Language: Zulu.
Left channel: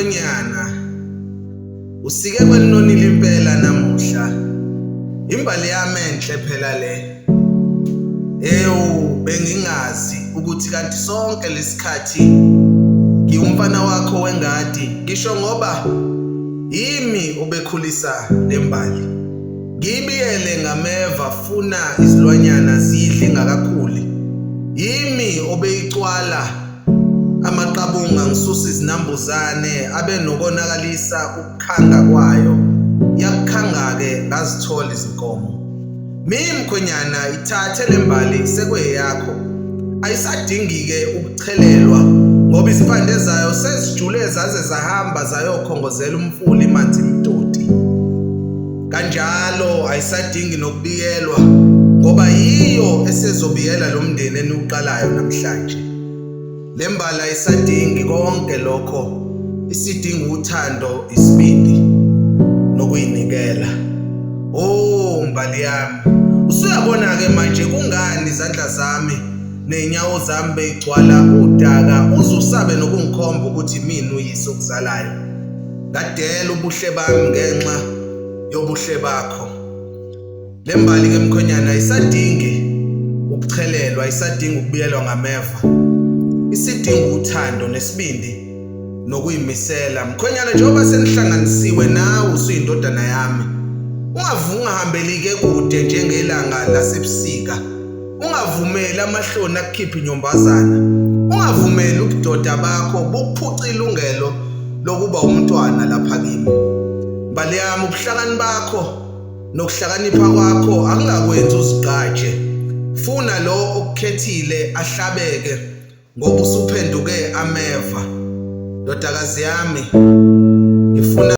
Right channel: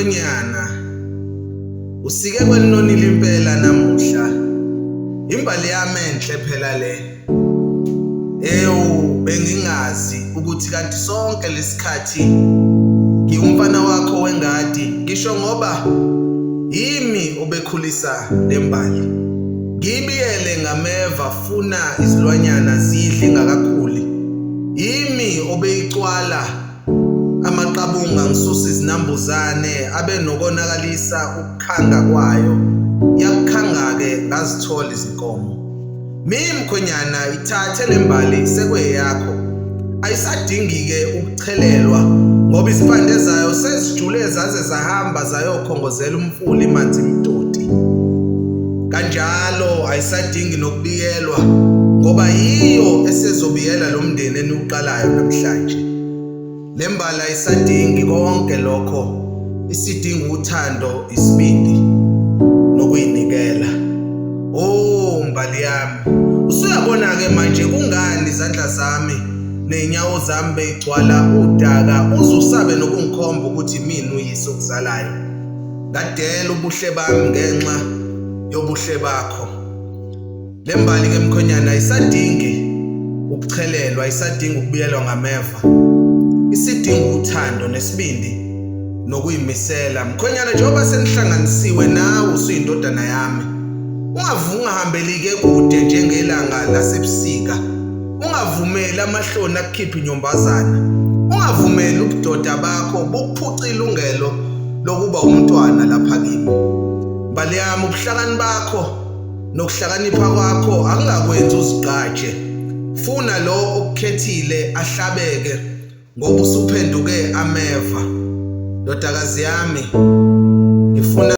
Mkhwenyana, usike kwelinonile impela namuhla. Imbali yami enhle phela le. Bengingazi ukuthi kanti sonke lesikhathi ngiyumfana wakho wengadi, ngisho ngoba yimi obekhulisa lembali. Ngibiyele ngameva funa izilwanyana zidle ingakakhuli. Yimi obeyicwala amaqabunga ngisusa izinambuzane abe nokonakalisa ukukhanga kwayo. Yakukhanga ke ngazithola izinkomo. Mkhwenyana, ithathe lembali sekweyakho. Ayisadingi ke ukuchelelwa ngoba isiphande zayo sezijule zaze zahamba zayokhongozela umfula imanzi imtoti. Kanjalo ayisadingi nokubiyelwa ngoba yiyo esezobiyela lo mndeni eniuqalayo namhlanje. Lembali ayisadingi konke lokho, isidinga uthando, isibindi nokuyinikela. Mbali yami, usuyabona ke manje kungani izandla zami nenyawo zami beyigcwala udaka uzusabe nokungikhomba ukuthi mina uyise okuzalayo. Ngadela ubuhle bami ngenxa yobuhle bakho. Lembali ke mkhwenyana ayisadingi ukuchelelwa, ayisadingi ukubiyelwa ngameva. Isidinga uthando nesibindi nokuyimisela. Mkhwenyana, njengoba senihlanganisiwe nawe usuyindodana yami, ungahambelike kude njengelanga lasebusika. Ungavumeli amahloni akukhiphe inyombazana. Ungavumeli ubudoda bakho bukuphuca ilungelo lokuba umntwana lapha kimi. Mbali yami, ubuhlakani bakho nokuhlakanipha kwakho akungakwenzi uzigqaje. Funa lo okukhethile ahlabeke ngoba usuphenduke ameva. Ndodakazi yami,